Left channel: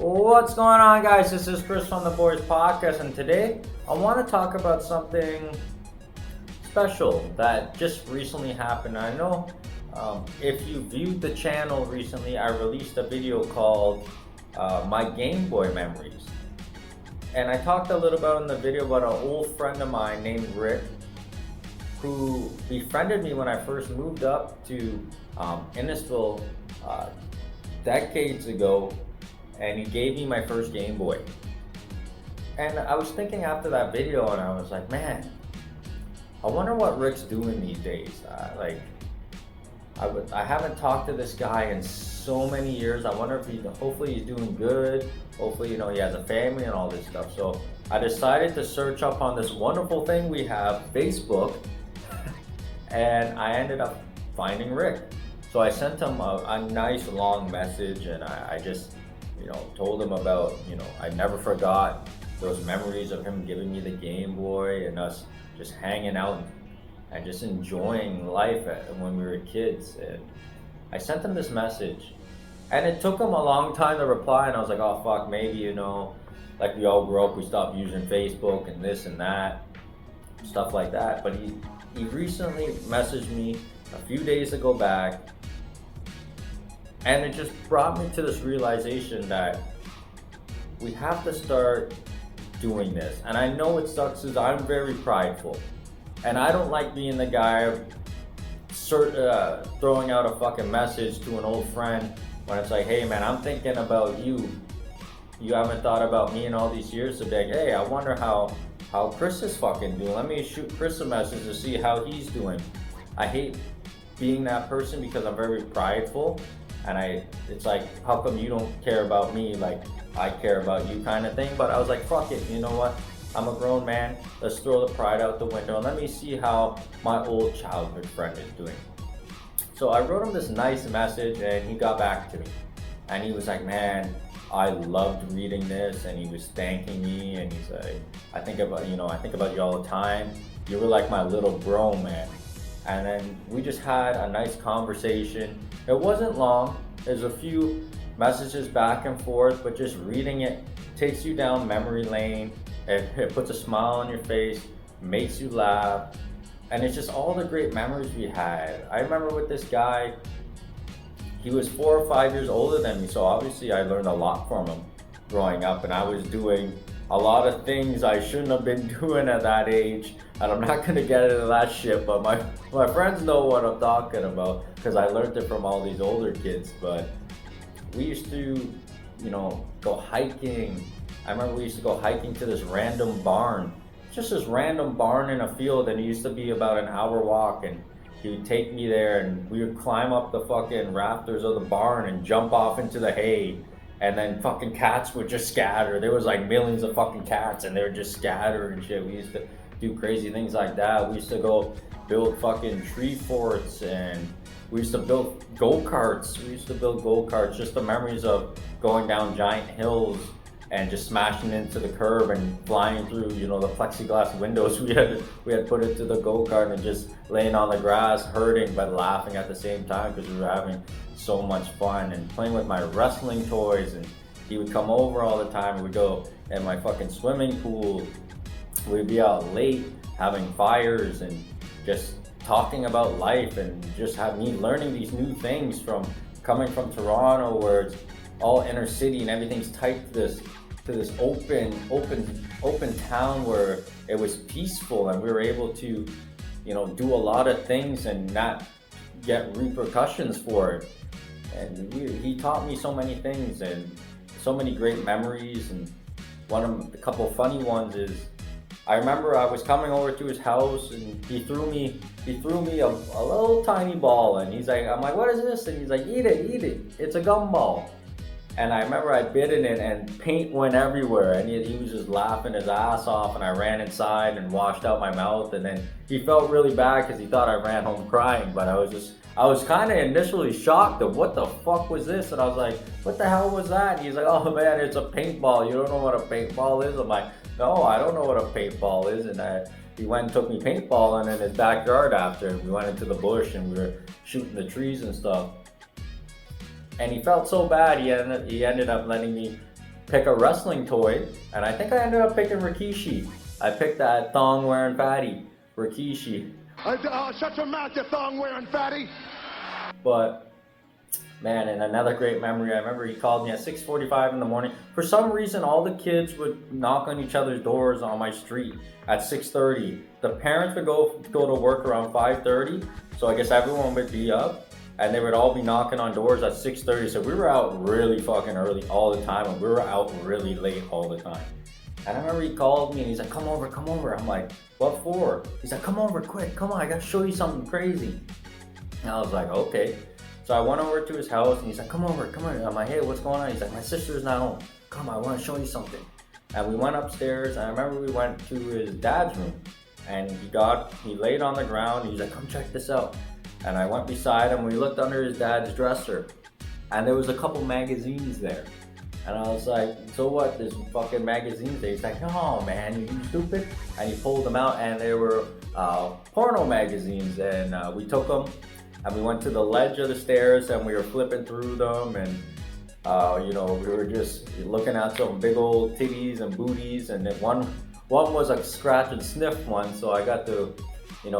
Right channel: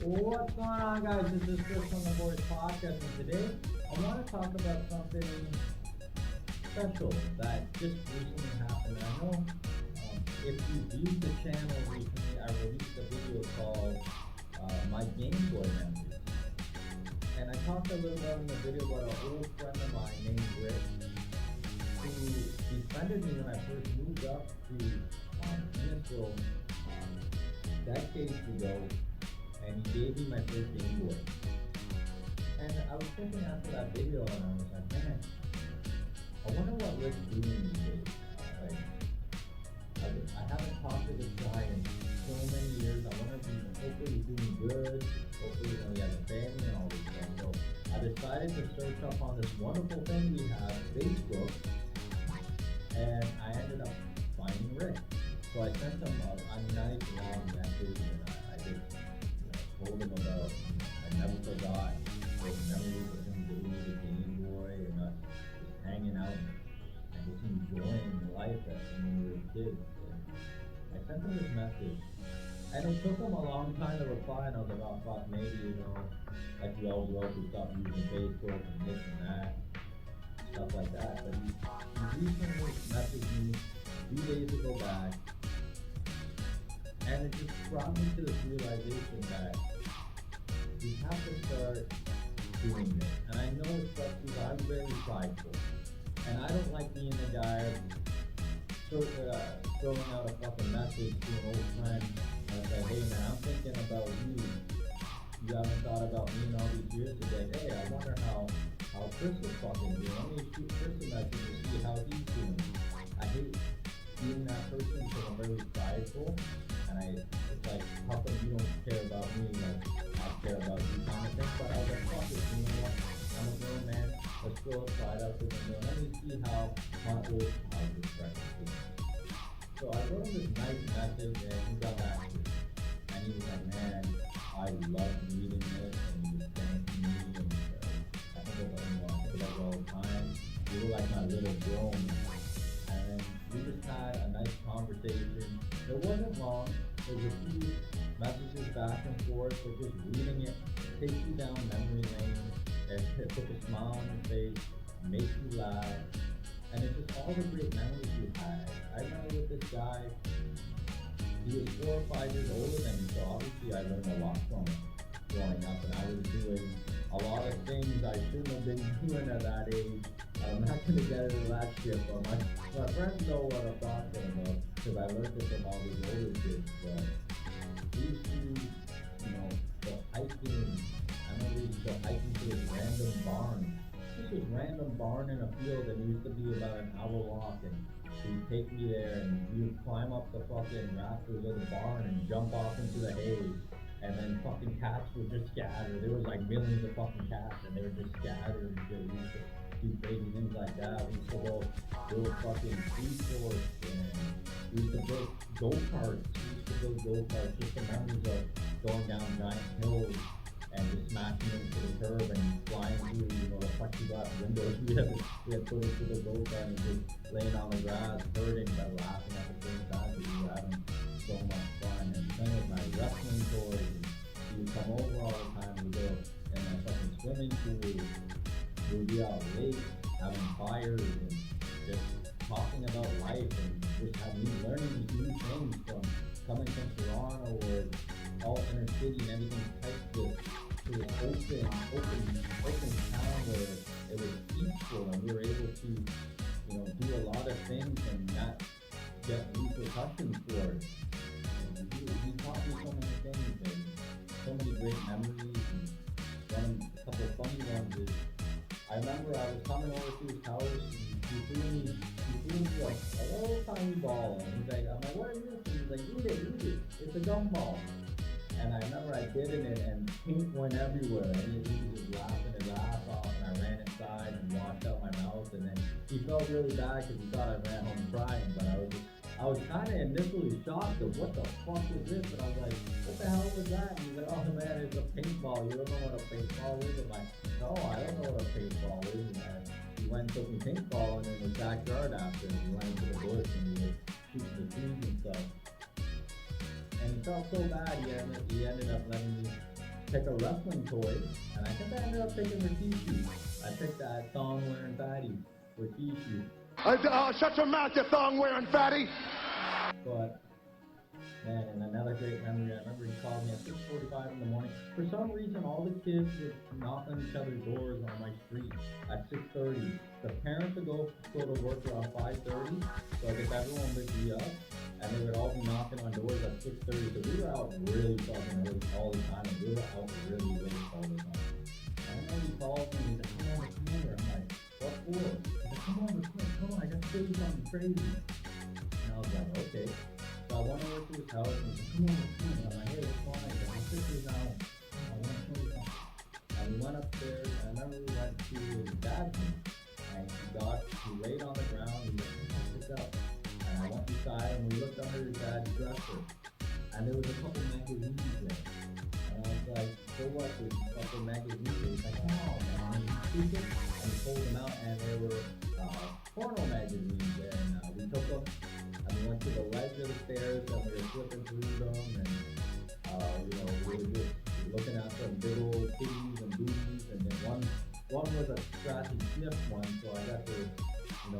What's going on, guys? This is Chris from the Boys Podcast, and today I want to talk about something special that just recently happened. I know if you viewed the channel recently, I released a video called My Game Boy Memories. And I talked a little about in the video about an old friend of mine named Rick who befriended me when I first moved up to Innisfil decades ago, and he gave me my first Game Boy. And I was thinking after that video, and I was like, man, I wonder what Rick's doing these days. I haven't talked to this guy in so many years. I wonder if hopefully he's doing good. Hopefully, he has a family and all this stuff. So I decided to search up on this wonderful thing we have, Facebook, and I ended up finding Rick. So I sent him a nice long message, and I just, told him about, I never forgot those memories of him giving me the Game Boy and us just hanging out and just enjoying life when we were kids. And I sent him this message, and it took him a long time to reply, and I was like, oh fuck, maybe, like we all grew up, we stopped using Facebook and this and that, stuff like that. But he recently messaged me a few days ago back, and it just brought me to this realization that we have to start doing this. And I know it sucks because I'm very prideful. And I don't like being the guy throwing out a fucking message to an old friend when it's like, hey man, I'm thinking about you. You haven't thought about me in all these years. To be like, hey, I wonder how Chris is fucking doing. Let me shoot Chris a message to see how he's doing. I hate being that person because I'm very prideful. And it's like, how come you don't care about me like I care about you kind of thing? But I was like, fuck it, you know what? I'm a grown man. Let's throw the pride out the window and let me see how my old childhood friend is doing. So I wrote him this nice message, and he got back to me. And he was like, man, I loved reading this, and he was thanking me, and he's like, I think about you all the time. You were like my little bro, man. And then we just had a nice conversation. It wasn't long. There's a few messages back and forth, but just reading it takes you down memory lane. It puts a smile on your face, makes you laugh, and it's just all the great memories we had. I remember with this guy, he was 4 or 5 years older than me, so obviously I learned a lot from him growing up, and I was doing a lot of things I shouldn't have been doing at that age, and I'm not gonna get into that shit, but my friends know what I'm talking about because I learned it from all these older kids. But we used to, go hiking. I remember we used to go hiking to this random barn. It's just this random barn in a field, and it used to be about an hour walk, and he would take me there, and we would climb up the fucking rafters of the barn and jump off into the hay. And then fucking cats would just scatter. There was like millions of fucking cats, and they would just scatter and shit. We used to do crazy things like that. We used to go build fucking tree forts, and we used to build go-karts. Just the memories of going down giant hills and just smashing into the curb and flying through, the plexiglass windows we had put into the go-kart, and just laying on the grass, hurting but laughing at the same time because we were having so much fun, and playing with my wrestling toys. And he would come over all the time, and we'd go in my fucking swimming pool. We'd be out late having fires and just talking about life, and just have me learning these new things from coming from Toronto, where it's all inner city and everything's tight to this open town where it was peaceful, and we were able to do a lot of things and not get repercussions for it. And he taught me so many things and so many great memories. And a couple of funny ones is, I remember I was coming over to his house, and he threw me a little tiny ball, and I'm like, what is this? And he's like, eat it, it's a gumball. And I remember I bit in it, and paint went everywhere, and he was just laughing his ass off, and I ran inside and washed out my mouth. And then he felt really bad because he thought I ran home crying, but I was kind of initially shocked of what the fuck was this, and I was like, what the hell was that? And he's like, oh man, it's a paintball. You don't know what a paintball is? I'm like, no, I don't know what a paintball is. And he went and took me paintballing in his backyard after. We went into the bush, and we were shooting the trees and stuff. And he felt so bad, he ended up letting me pick a wrestling toy, and I think I ended up picking Rikishi. I picked that thong wearing fatty, Rikishi. Shut your mouth, you thong wearing fatty. But man, and another great memory, I remember he called me at 6:45 in the morning. For some reason, all the kids would knock on each other's doors on my street at 6:30. The parents would go to work around 5:30, so I guess everyone would be up, and they would all be knocking on doors at 6:30. So we were out really fucking early all the time, and we were out really late all the time. And I remember he called me and he's like, come over, come over. I'm like, what for? He's like, come over quick, come on, I gotta show you something crazy. And I was like, okay. So I went over to his house and he's like, come over, come on. I'm like, hey, what's going on? He's like, my sister's not home. Come on, I want to show you something. And we went upstairs, and I remember we went to his dad's room, and he laid on the ground, and he's like, come check this out. And I went beside him, we looked under his dad's dresser, and there was a couple magazines there. And I was like, so what, there's fucking magazines there? He's like, oh man, you stupid? And he pulled them out, and they were porno magazines, and we took them, and we went to the ledge of the stairs, and we were flipping through them, and we were just looking at some big old titties and booties, and then one was a scratch and sniff one, so I got to,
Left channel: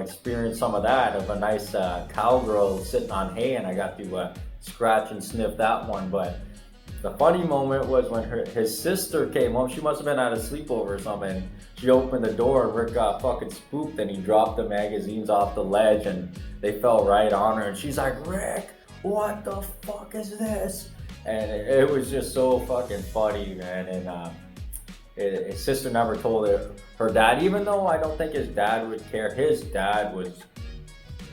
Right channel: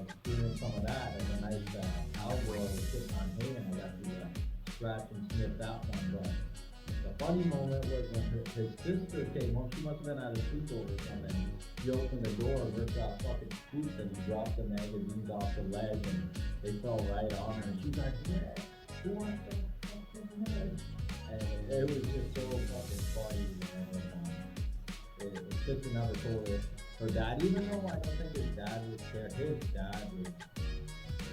experience some of that, of a nice cowgirl sitting on hay, and I got to scratch and sniff that one. But the funny moment was when his sister came home. She must have been at a sleepover or something. She opened the door, and Rick got fucking spooked, and he dropped the magazines off the ledge, and they fell right on her, and she's like, Rick, what the fuck is this? And it was just so fucking funny, man. And his sister never told her dad, even though I don't think his dad would care. His dad was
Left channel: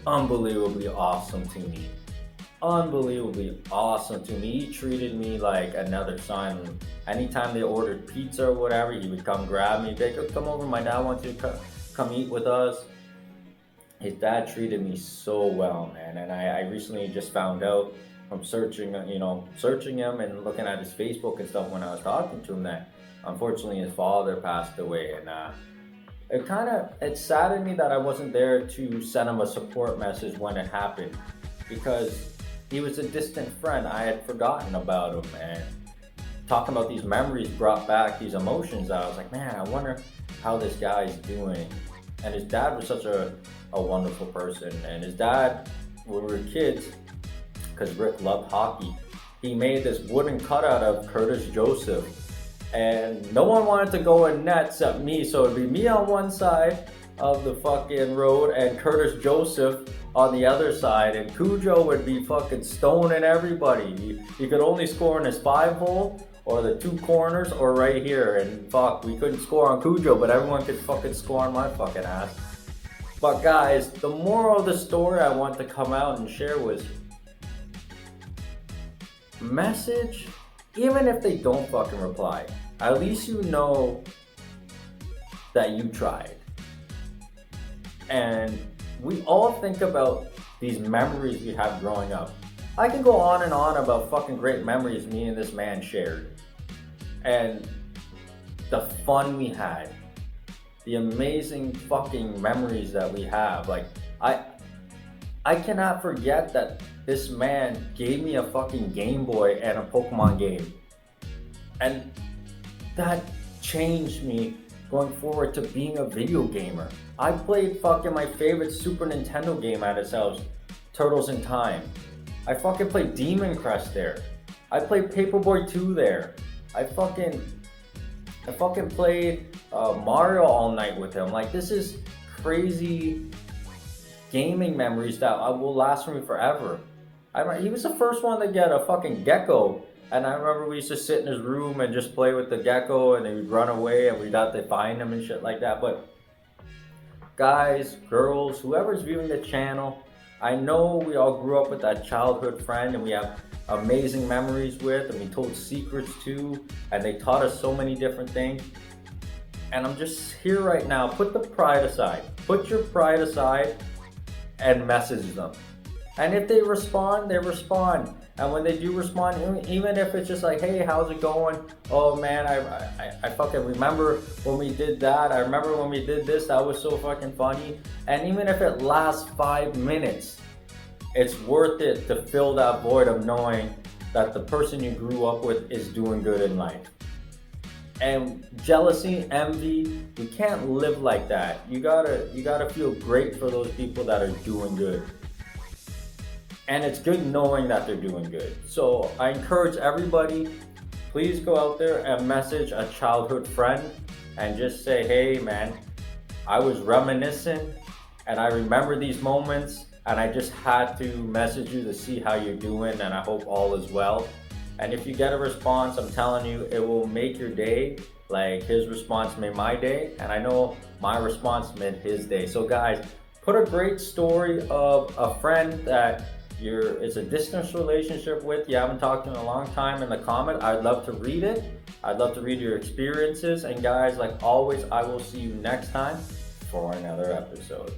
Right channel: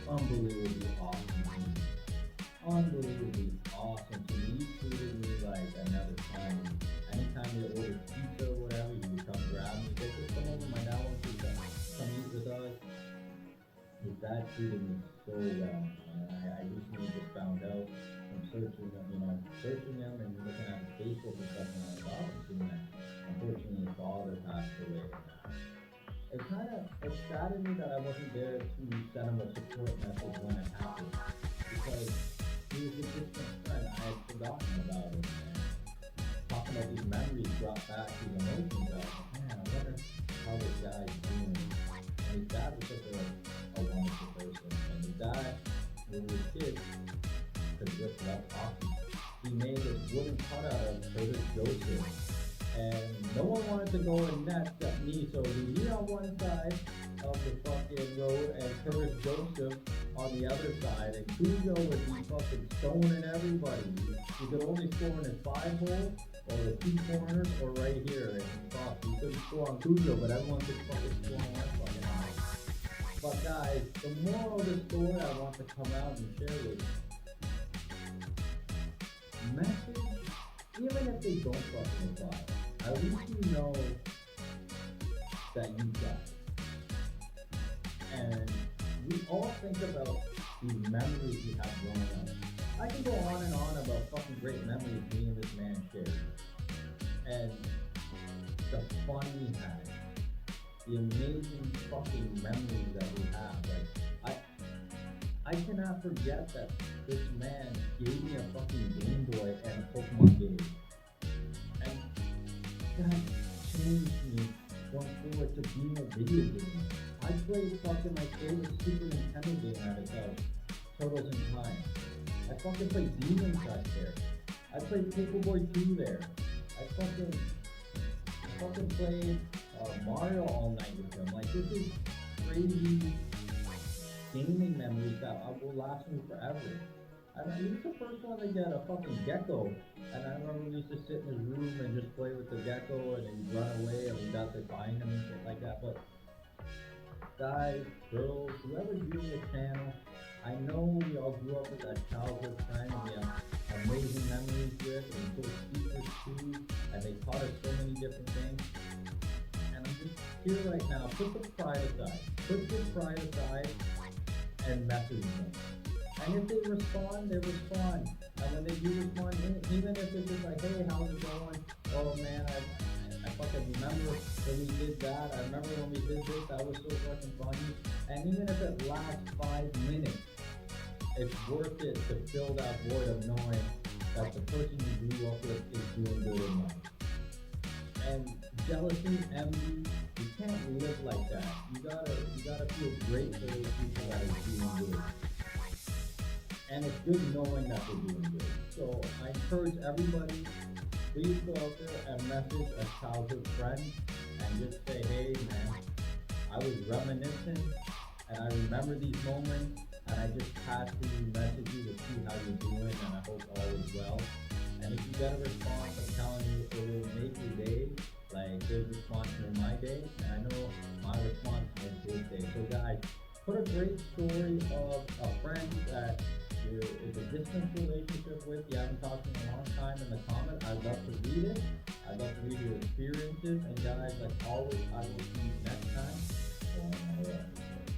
unbelievably awesome to me. Unbelievably awesome to me. He treated me like another son. Anytime they ordered pizza or whatever, he would come grab me. They could come over, my dad wants you to come eat with us. His dad treated me so well, man. And I recently just found out from searching him and looking at his Facebook and stuff when I was talking to him, that unfortunately his father passed away. And it saddened me that I wasn't there to send him a support message when it happened, because he was a distant friend. I had forgotten about him, and talking about these memories brought back these emotions. I was like, man, I wonder how this guy's doing. And his dad was such a wonderful person. And his dad, when we were kids, because Rick loved hockey, he made this wooden cutout of Curtis Joseph. And no one wanted to go in net except me, so it'd be me on one side of the fucking road and Curtis Joseph on the other side, and Cujo would be fucking stoning everybody. He could only score in his 5-hole or the 2 corners or right here, and fuck, we couldn't score on Cujo, but everyone could fucking score on my fucking ass. But guys, the moral of the story I want to come out and share with you: message, even if they don't fucking reply, at least you know that you tried. And we all think about these memories we have growing up. I can go on and on about fucking great memories me and this man shared, and the fun we had, the amazing fucking memories that we have. Like, I cannot forget that this man gave me a fucking Game Boy and a Pokemon game, and that changed me going forward to being a video gamer. I played fucking my favorite Super Nintendo game at his house, Turtles in Time. I fucking played Demon Crest there. I played Paperboy 2 there. I fucking played Mario all night with him. Like, this is crazy gaming memories that will last for me forever. He was the first one to get a fucking gecko, and I remember we used to sit in his room and just play with the gecko, and then we'd run away and we'd have to find him and shit like that. But guys, girls, whoever's viewing the channel, I know we all grew up with that childhood friend, and we have amazing memories with, and we told secrets to, and they taught us so many different things. And I'm just here right now. Put the pride aside. Put your pride aside and message them. And if they respond, they respond. And when they do respond, even if it's just like, hey, how's it going? Oh man, I fucking remember when we did that. I remember when we did this. That was so fucking funny. And even if it lasts 5 minutes, it's worth it to fill that void of knowing that the person you grew up with is doing good in life. And jealousy, envy, we can't live like that. You gotta feel great for those people that are doing good. And it's good knowing that they're doing good. So I encourage everybody, please go out there and message a childhood friend and just say, hey man, I was reminiscing and I remember these moments and I just had to message you to see how you're doing and I hope all is well. And if you get a response, I'm telling you, it will make your day. Like his response made my day, and I know my response made his day. So guys, put a great story of a friend that it's a distance relationship with, you haven't talked in a long time, in the comment. I'd love to read it. I'd love to read your experiences. And guys, like always, I will see you next time for another episode.